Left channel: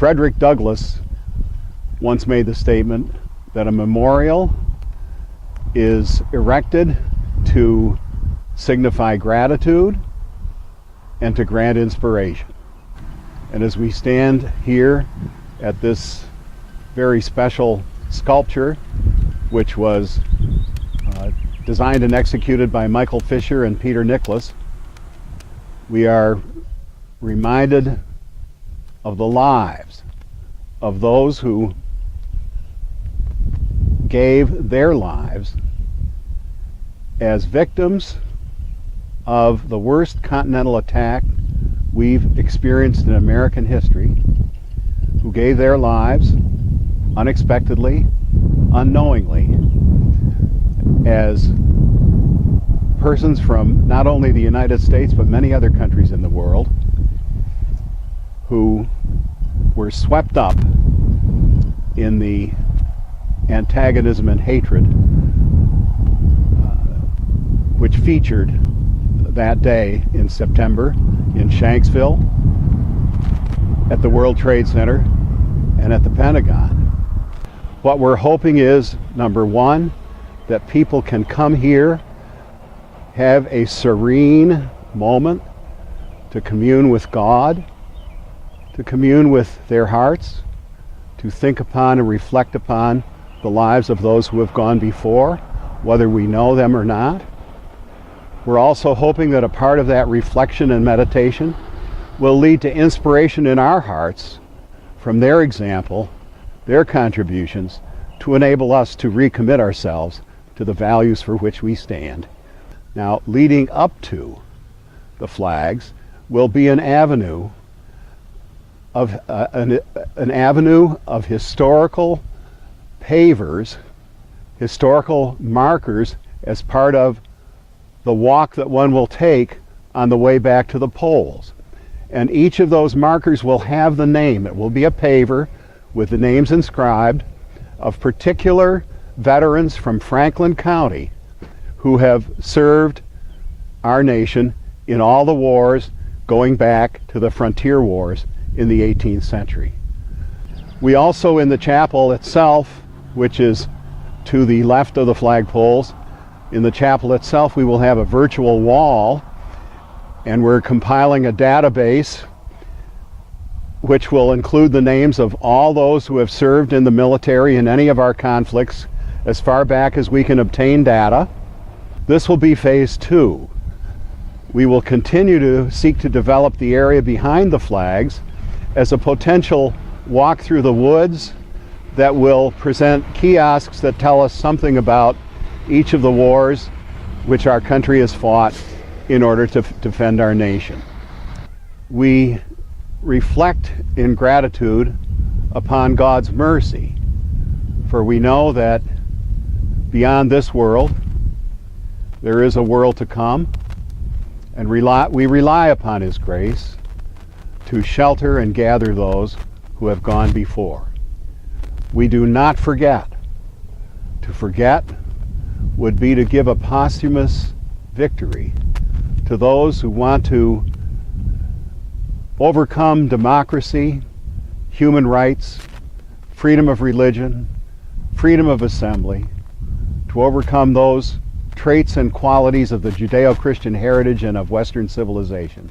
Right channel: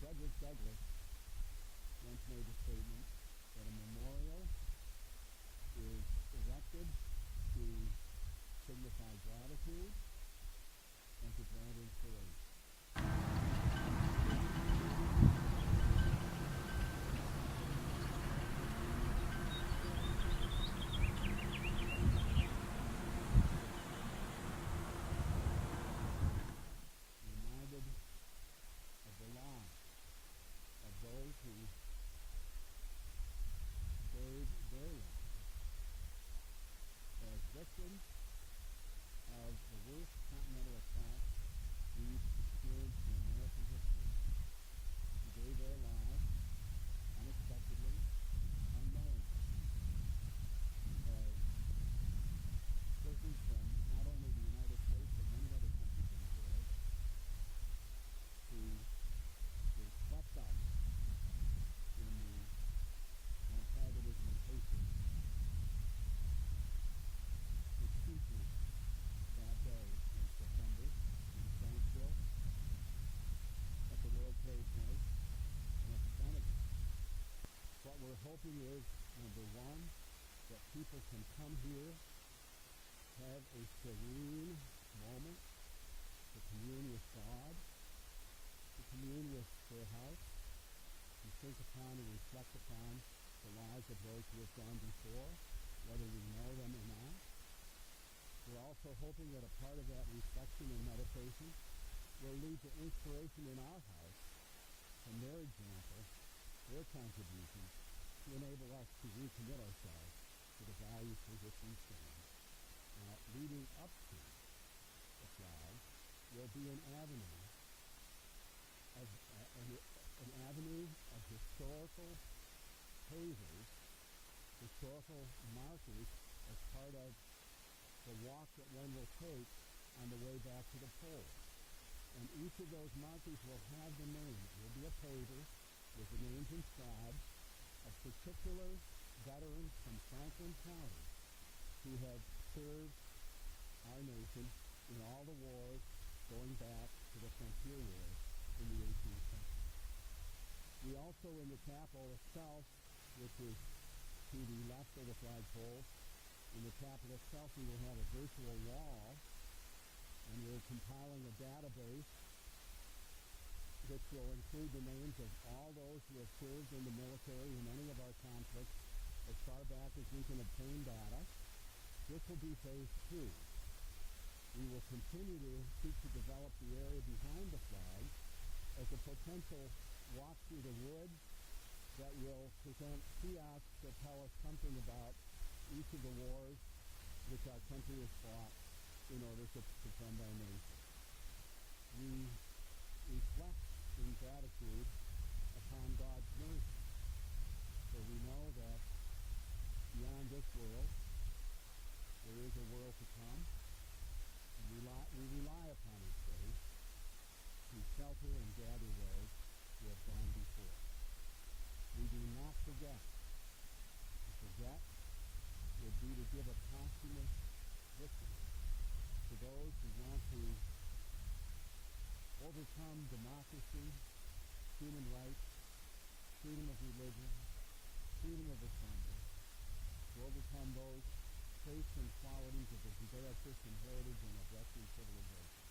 Frederick Douglass once made the statement that a memorial is erected to signify gratitude and to grant inspiration. And as we stand here at this very special sculpture, which was designed and executed by Michael Fisher and Peter Nicholas, we are reminded of the lives of those who gave their lives as victims of the worst continental attack we've experienced in American history, who gave their lives unexpectedly, unknowingly, as persons from not only the United States but many other countries in the world who were swept up in the antagonism and hatred which featured that day in September in Shanksville, at the World Trade Center, and at the Pentagon. What we're hoping is, number one, that people can come here, have a serene moment to commune with God, to commune with their hearts, to think upon and reflect upon the lives of those who have gone before, whether we know them or not. We're also hoping that a part of that reflection and meditation will lead to inspiration in our hearts from their example, their contributions, to enable us to recommit ourselves to the values for which we stand. Now, leading up to the flags will be an avenue of historical pavers, historical markers as part of the walk that one will take on the way back to the polls. And each of those markers will have the name. It will be a paver with the names inscribed of particular veterans from Franklin County who have served our nation in all the wars going back to the frontier wars in the 18th century. We also, in the chapel itself, which is to the left of the flagpoles, in the chapel itself we will have a virtual wall, and we're compiling a database which will include the names of all those who have served in the military in any of our conflicts as far back as we can obtain data. This will be phase 2. We will continue to seek to develop the area behind the flags as a potential walk through the woods that will present kiosks that tell us something about each of the wars which our country has fought in order to defend our nation. We reflect in gratitude upon God's mercy, for we know that beyond this world there is a world to come, and we rely upon His grace to shelter and gather those who have gone before. We do not forget. To forget would be to give a posthumous victory to those who want to overcome democracy, human rights, freedom of religion, freedom of assembly, to overcome those traits and qualities of the Judeo-Christian heritage and of Western civilization.